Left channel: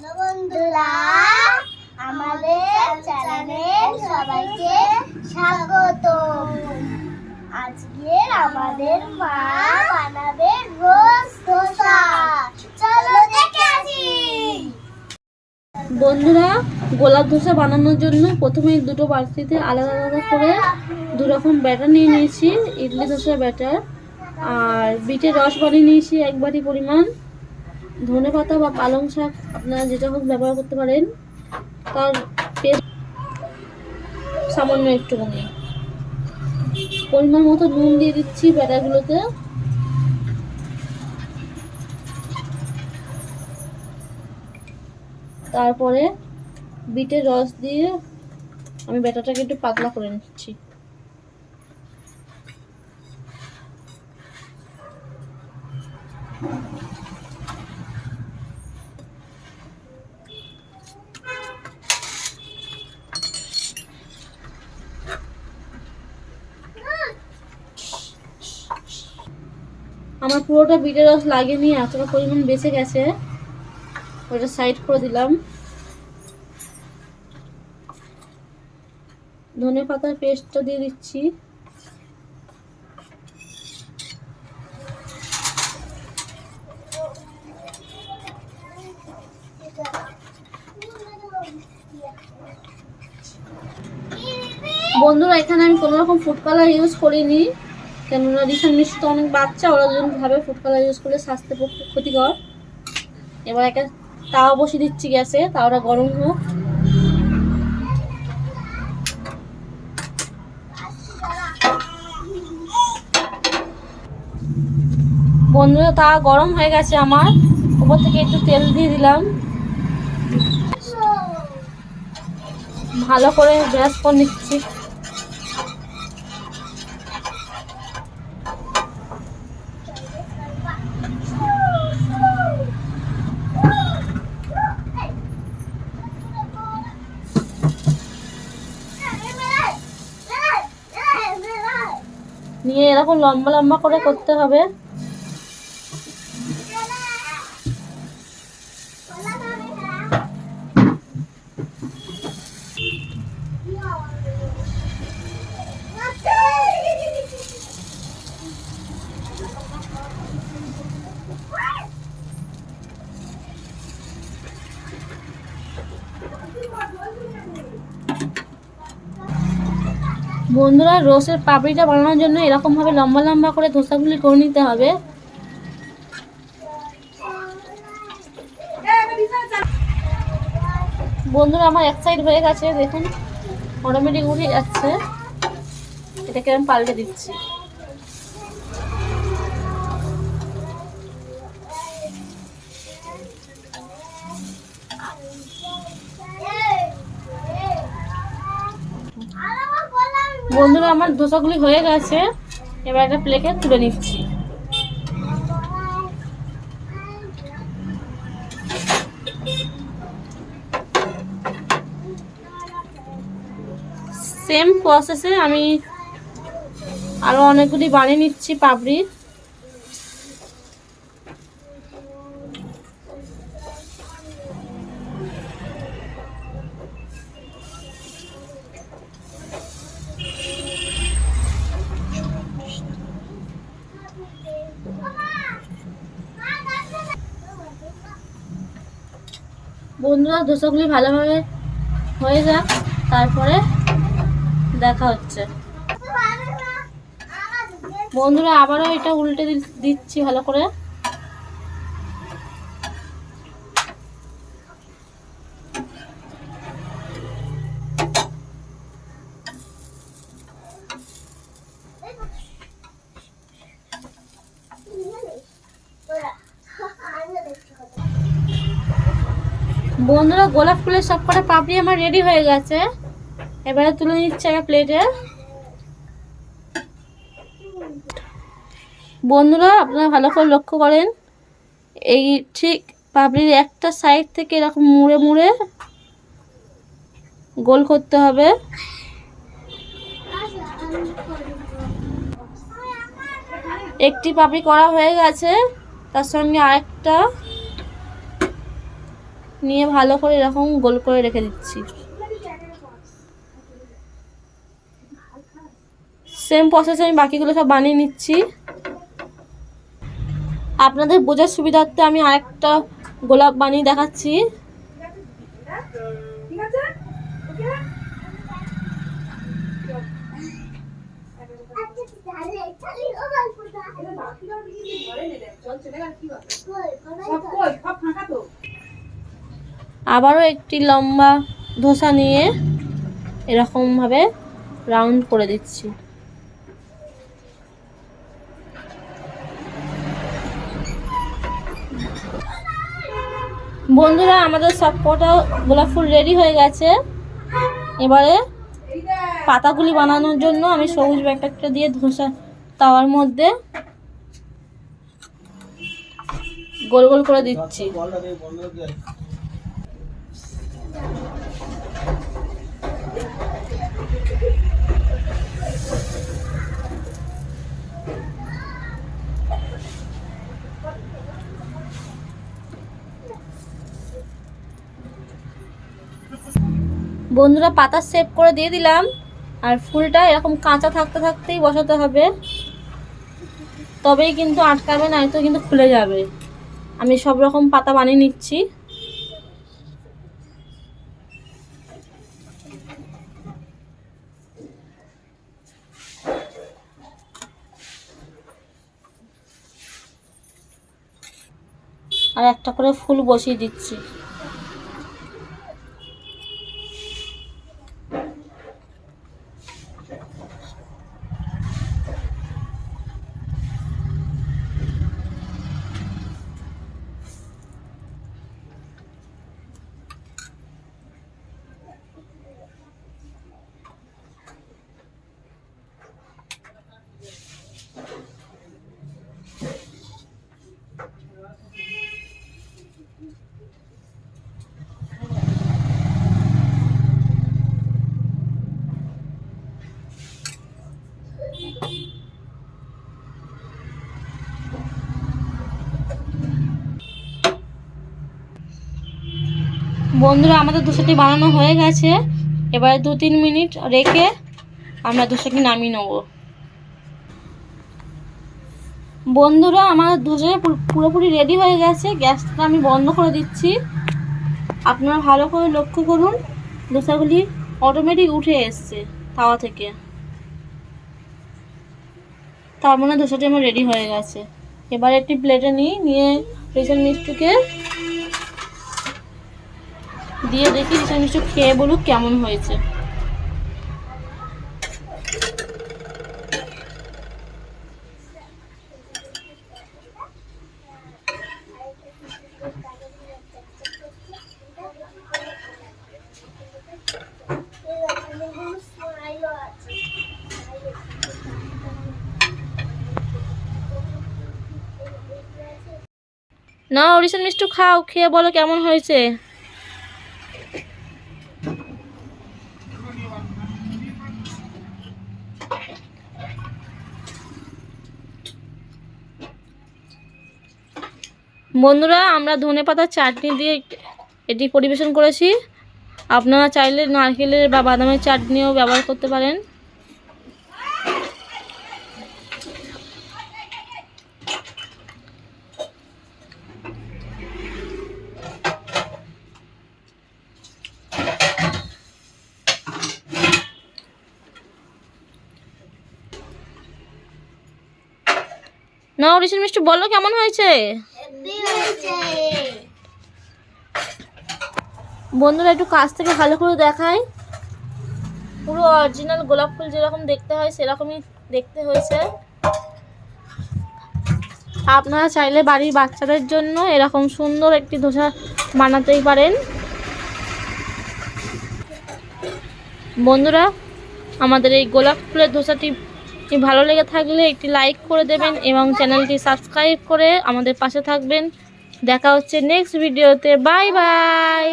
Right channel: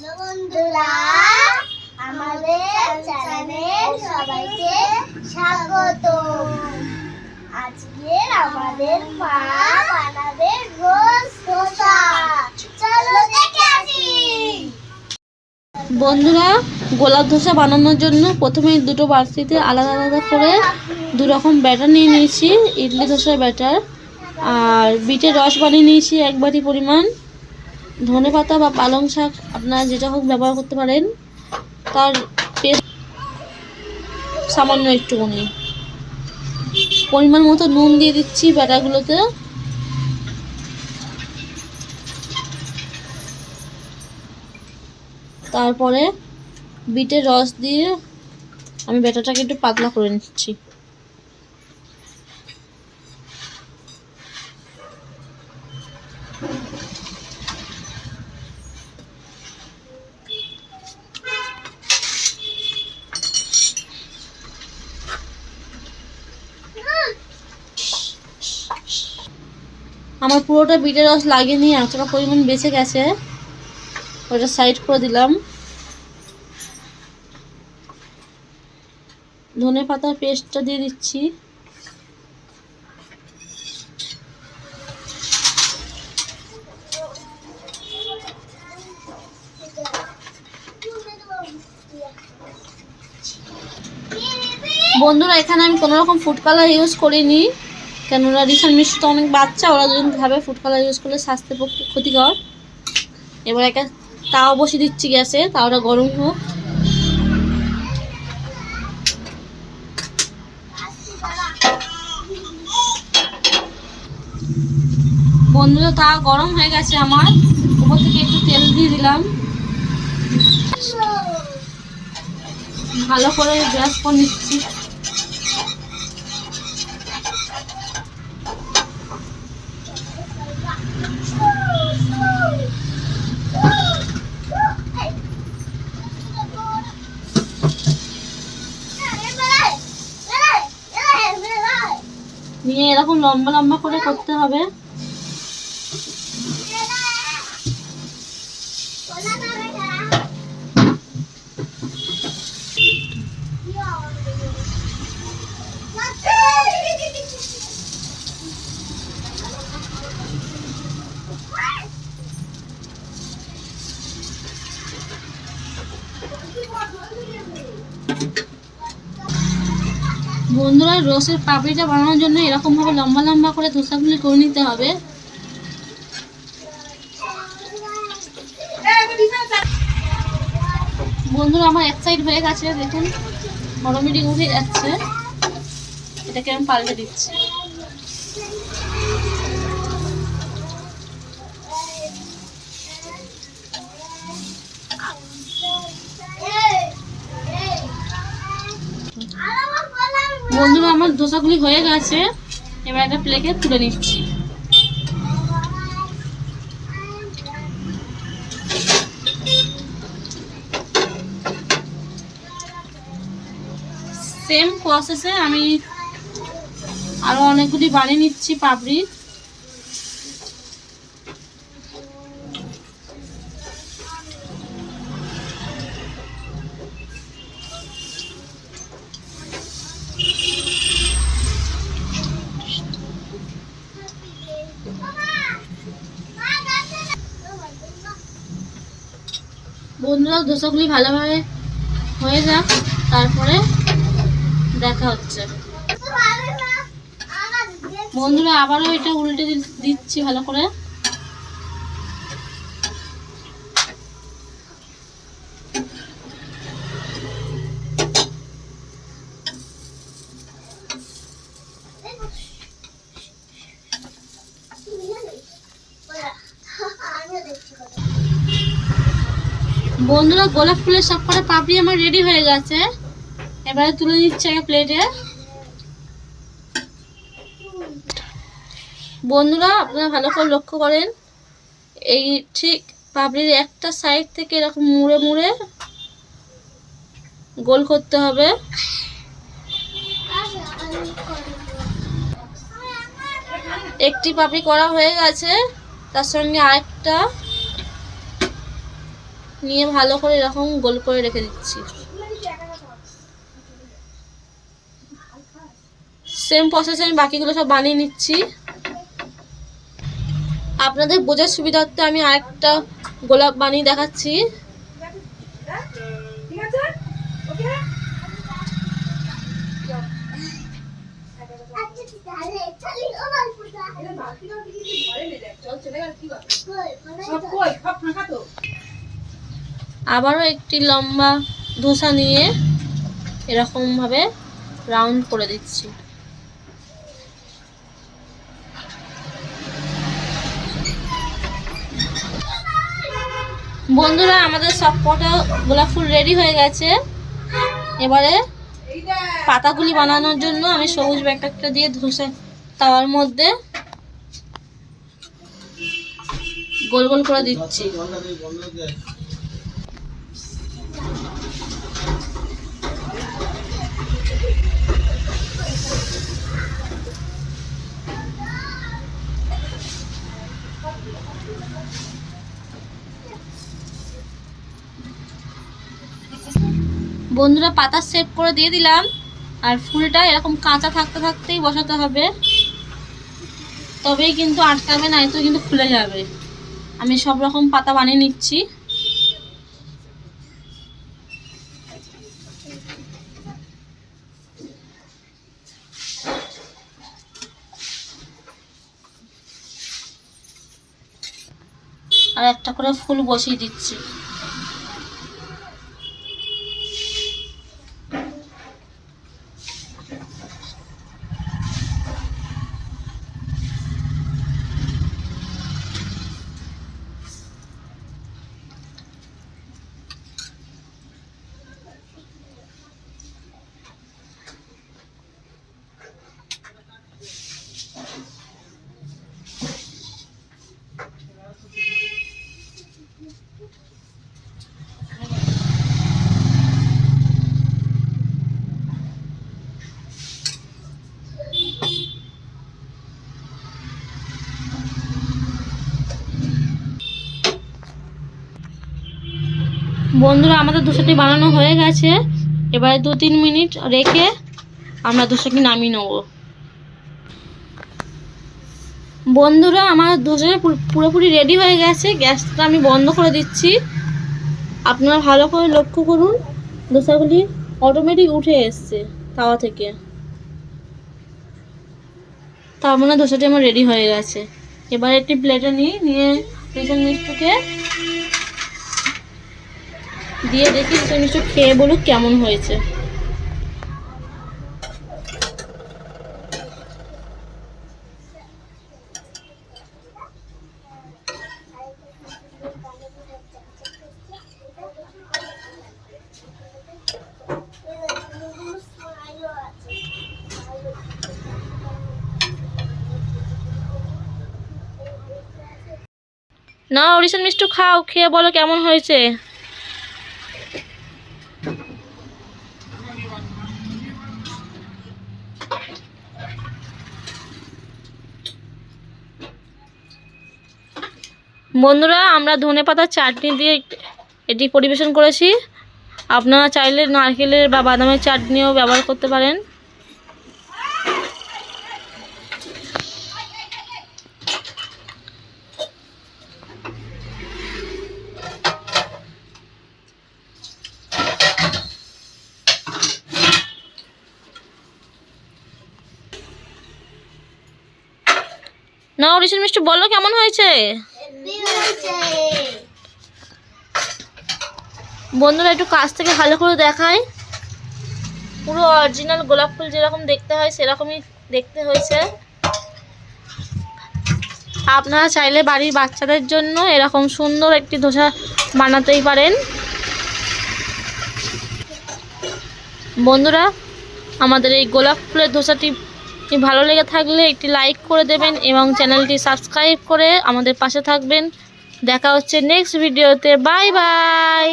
Hello বন্ধুরা, আমাদের চ্যানেলে সবাইকে স্বাগত। আজকে আমাদের মা বানাবে রোজ ধোসা। চলো দেখে আসি। বন্ধুরা, গোলাপ ধোসা বানানোর জন্য প্রথমে দুটো বাটিতে আলাদা আলাদা করে দু রকম ব্যাটার নিয়ে নিয়েছি। ইডলি ধোসার ব্যাটার আর বিটের রস বানিয়ে নিয়েছি 1 বাটি পরিমাণ। ধনেপাতা বা পালং শাক আপনারা যেটা হোক ব্যবহার করতে পারেন। তার পেস্ট সামান্য একটুখানি পরিমাণ মতো নুন দিয়ে দিচ্ছি ব্যাটারগুলোতে। তারপরে বিটের রস দিয়ে আমি ব্যাটারটাকে একটু পাতলা করে নিচ্ছি। আমার পুরোটা বিটের রস লাগেনি, এতটা পরিমাণ বেঁচে গেছে, ওটা সাইড করে দিলাম। ধনে পাতার পেস্টটা দিয়ে দিচ্ছি। বন্ধুরা, এখানে আমি কোনো রকম ফুড কালার ইউজ করিনি, কেননা রিসেন্ট মিষ্টি তো অনেক বাচ্চা, ওরা যদি ভাবে ফুড কালার ইউজ করলে স্বাস্থ্যের পক্ষে ক্ষতিকর। এবার একটা তাওয়া বসিয়ে দিচ্ছি গ্যাসে, তাওয়াটা গরম হোক। বন্ধুরা, তাওয়া গরম হয়ে গেছে আমার, উপর থেকে একটু তেল দিয়ে দিলাম। ভালো করে ব্রাশ করে নিচ্ছি। নিয়ে এরকম লম্বা লম্বা করে করতে হবে। বন্ধুরা, রোস্টের পাপড়িটা বানানোর জন্য এরকম ভাবে লম্বা লম্বা করে ধোসাগুলি করে নিতে হবে। বন্ধুরা, আমার এক সাইড হয়ে গেছে, দেখুন অটোমেটিক উঠে যাচ্ছে। এটাকে আমি পাল্টে দিচ্ছি। বন্ধুরা, আমার ধোসাগুলি হয়ে গেছে, এবার একটা প্লেটে তুলে নিচ্ছি। সেম প্রসেসে আমি আরো অনেকগুলি বানিয়ে নিচ্ছি পাপড়ি। বন্ধুরা, ধোসাগুলি ভালোভাবে হয়ে যাক, তারপরে দেখা হচ্ছে। বন্ধুরা, আবারও এটা উল্টে দিচ্ছি ভালো করে। বন্ধুরা, গোলাপ ফুলের সবকটা পাপড়ি আমার রেডি হয়ে গেছে, এবারে তুলে নিচ্ছি একটা প্লেটে। বন্ধুরা, আপনারা ভালো করে লক্ষ্য করেন, এই ঠিক পাপড়ির একটা সাইড থেকে এরকম মুড়ে মুড়ে গোল করতে হবে। একটি পাপড়ি করা হয়ে গেছে, তার সঙ্গে আরেকটা নিয়ে ভালো করে এরকম গোল করে রেখে দিচ্ছি। সেম প্রসেসে আমি বাকিগুলো সব বানিয়ে নিচ্ছি। আপনাদের বোঝার সুবিধার্থে আমি আরেকটা গোলাপ বানিয়ে দেখাচ্ছি। আবারও একটি লম্বা ধোসা নিয়ে এরকম ভাবে রাউন্ড করে দিচ্ছি। বন্ধুরা আমাদের সব কটা গোলাপ ফুল রেডি হয়ে গেছে। এবারে পাতাগুলি বানানোর জন্য আমি সবুজ ব্যাটারটা দিয়ে ধোসা তাওয়ার মধ্যে গোল গোল করে দিচ্ছি। বন্ধুরা পাতা সেভ করে দিয়ে দিলাম। আর ফুলটা এরকম কাঁচা থাকতে থাকতেই বসাতে হবে, তবেই কিন্তু আটকাবে, না তো কিন্তু খুলে যাবে। আমি সব রকম পাতা বানিয়ে নিচ্ছি। আর একটা করে ফুল বসিয়ে দিচ্ছি। বন্ধুরা আমাদের ধোসাটি বানানো হয়ে গেছে। এবারে 2-3 মিনিট রেখে আমরা ধোসাটি নামিয়ে নেব। বন্ধুরা আমার ধোসা পুরোপুরি রেডি হয়ে গেছে। গ্যাসটা আমি বন্ধ করে দিচ্ছি। আপনারা ভালো করে লক্ষ্য করুন, ধোসাগুলি অটোমেটিক উঠে এসছে তাওয়া থেকে। তার মানে ধোসাটি আমার রেডি হয়ে গেছে। এবার একটি প্লেটে নিয়ে রিসেন মিষ্টিকে দিয়ে দেখি রিসেন মিষ্টি খেয়ে বলুক কেমন হয়েছে। না রিসেন মিষ্টি খাও, খেয়ে বলো কেমন হয়েছে। বন্ধুরা আমরা ধনেপাতার চাটনি দিয়ে এটি পরিবেশন করেছি। আপনারা চাইলে নারকেলের বা বাদামের চাটনিও ব্যবহার করতে পারেন। না রিসেন মিষ্টি বলো কেমন হয়েছে। বন্ধুরা একটু কাছ থেকে ভালো করে দেখাই। পুরো অরিজিনাল গোলাপ ফুল যেরকম দেখতে হয় সেরকমই দেখতে হয়েছে। আপনারা চাইলে বাড়ির বাচ্চাদের জন্য এরকম সুন্দর একটি ধোসা বানাতেই পারেন। বন্ধুরা আমাদের এই গোলাপ ফুলের ধোসাটি ভালো লেগে থাকলে একটি লাইক করে দেবেন এবং চ্যানেলটি সাবস্ক্রাইব করে আমাদের পাশে থাকবেন। দেখা হচ্ছে নেক্সট ভিডিওতে। Bye bye.